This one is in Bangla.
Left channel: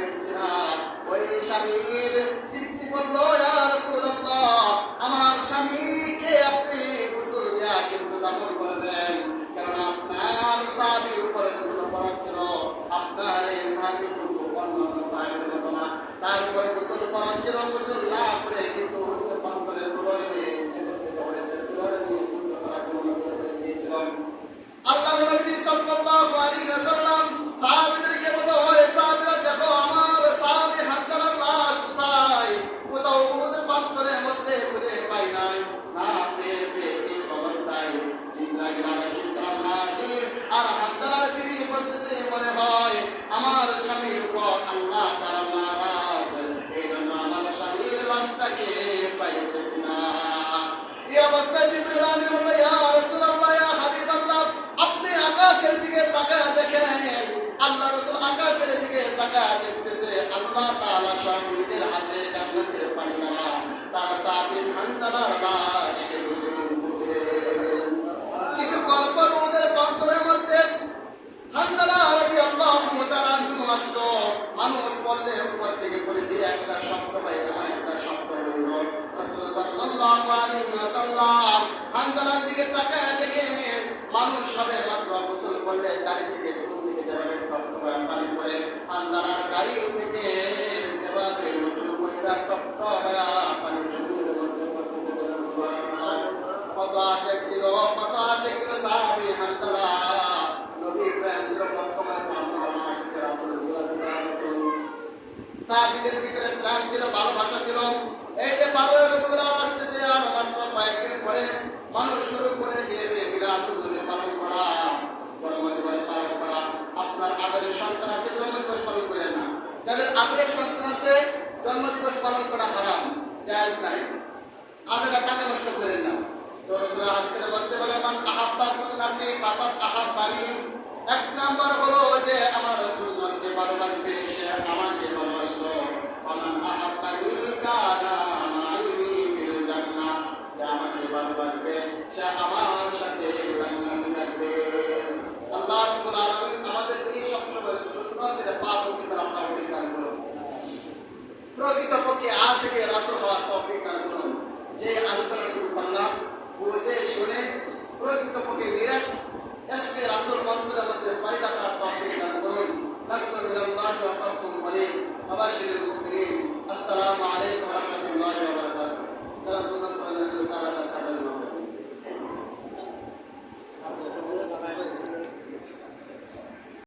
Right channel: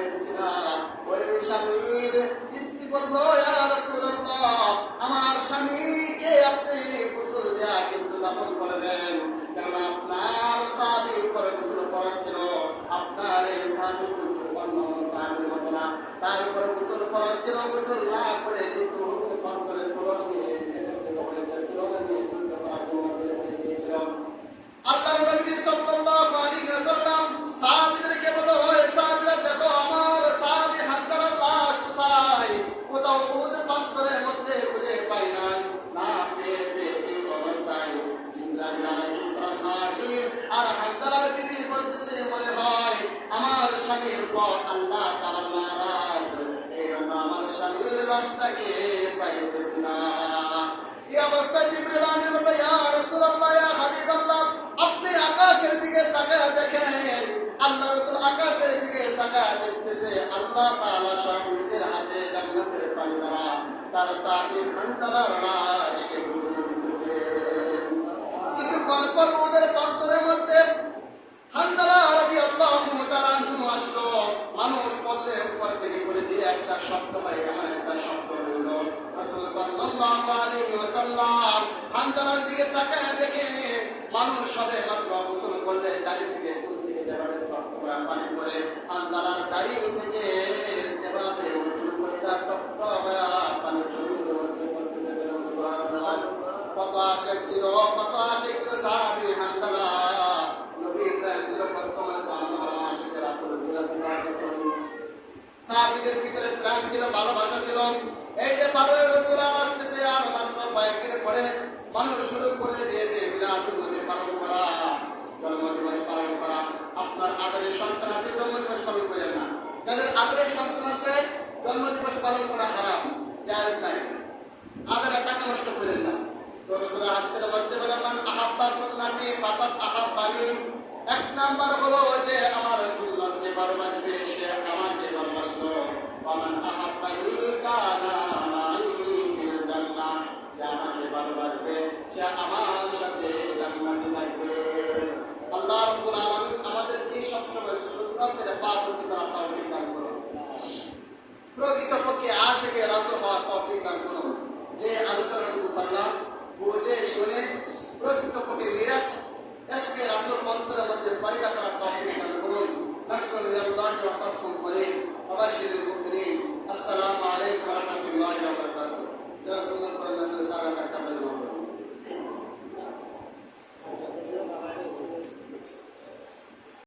পাইতেছি না। ওই স্বামীর স্ত্রী বলল, ইয়া রাসূলুল্লাহ, আমার স্বামীকে আপনি গোসল দেয়া কিন্তু দাফন করবেন, কেননা আপনার সাহাবীর উপরে গোসল ফরজ ছিল। আপনার এই সাহাবী কিন্তু অন্য সাহাবীর মতো না, তার উপর গোসল ফরজ ছিল। গোসল না করে কিন্তু পাথরে তুলর নিয়ে একত্রিত হয়েছে, তুলর নিয়ে যুদ্ধ করার অনুমতি হয়ে গিয়েছিল। আল্লাহর নবী সাল্লাল্লাহু আলাইহি ওয়াসাল্লাম সাহাবীদেরকে বলল, ওই সাহাবীরা দেখো আমার সাহাবী হানজালার লাশ কোথায়? কোথাও উহুদ পাথরের মধ্যে খুঁজে পাই নাই। না পেয়ে এই অবস্থায় জিবরাইল আলাইহিস সালাম হাজির, আর হানজালার বিবি বলতেছে, মনে হয় আমার স্বামীর উপর আল্লাহ তাআলা নারাজ, এই জন্য আমার স্বামীর লাশটাকে পাইতেছি না। এই অবস্থায় জিবরাইল আমিন বলল, ইয়া রাসূলুল্লাহ, ইয়া হাবিবাল্লাহ, আপনি আকাশের দিকে তাকায় দেখেন। আল্লাহ রাসূল আকাশের দিকে তাকায় দেখতেছে আল্লাহ তাআলা স্বয়ং নিজের হাতে জান্নাতের পানি দেওয়া তার সাহাবী হানজালার লাশকে গোসল দিতেছে। কিছুক্ষণ পর ওদের পাথরের মধ্যে হানজালা রাদিয়াল্লাহু তাআলা আসলো। মানুষ পড়লে উপর থেকে পড়ে যে একটা শব্দ হয়, এমন একটা শব্দ হইল। রাসূল সাল্লাল্লাহু আলাইহি ওয়াসাল্লাম হানজালার দিকে তাকায় দেখে মানুষ সবে মাত্র গোসল করলে দাড়ি থেকে চুল থেকে যেভাবে টপটপা পানি পড়ে, হানজালার দাড়ি থেকে এভাবে টপটপা পানি জমির মধ্যে পড়তেছে। বলেন সুবহানাল্লাহ। কত আশিক ছিল, কত আশিক ছিল সাহাবী হানজালা। নবী ইব্রাহিম ছিল বর্তমানে তো আমরা আশিকের রাসূল ছিল। সাহাবীদের ভিতরে প্রেম ছিল, ভালোবাসা ছিল। এই যে 12 রবিউল আউয়াল আসতেছে, আর মাত্র কয়েকদিন পরে মানুষ শুরু করে দিবে মিলাদুন নবী পালন করা, জন্মদিবস পালন করা। আপনার আদরের সন্তান আছে, জন্মদিবস পালন করেন না। যাদের আদরের সন্তান আছে, জন্মদিবস পালন করা হারাম, জায়েজ নাই। আদরের টাকা নষ্ট করেন না। তো রাসূল হাদিসের মধ্যে বলেন, মান আহাব্বা সুন্নতি ফাকাদ আহাব্বানি। এক নাম্বার হলো যে আমার সুন্নতকে ভালোবাসবে, সে আমাকে ভালোবাসলো। মান আহাব্বানি কানা মাই ফিল জান্নাহ। যে আমাকে ভালোবাসবে সে আমার সাথে জান্নাতে থাকবে। আল্লাহ রাব্বুল আলামিন আমাদেরকে সব সময় সুন্নতের পাবন্দী করার তৌফিক দান করুন। প্রকৃতপক্ষে আশিকে রাসূল হওয়ার তৌফিক দান করুন। যে আলোচনাগুলো করলাম বুঝে শুনে প্রকৃতপক্ষে নিরাট ইশকে রাসূল মন্ত্রের মধ্যে পয়দা করার তৌফিক দান করুন। নাসরুল্লাহি ওয়া ফাতহুম করিম। ওয়া বাশশিরিল মুমিনিন। আসসালামু আলাইকুম।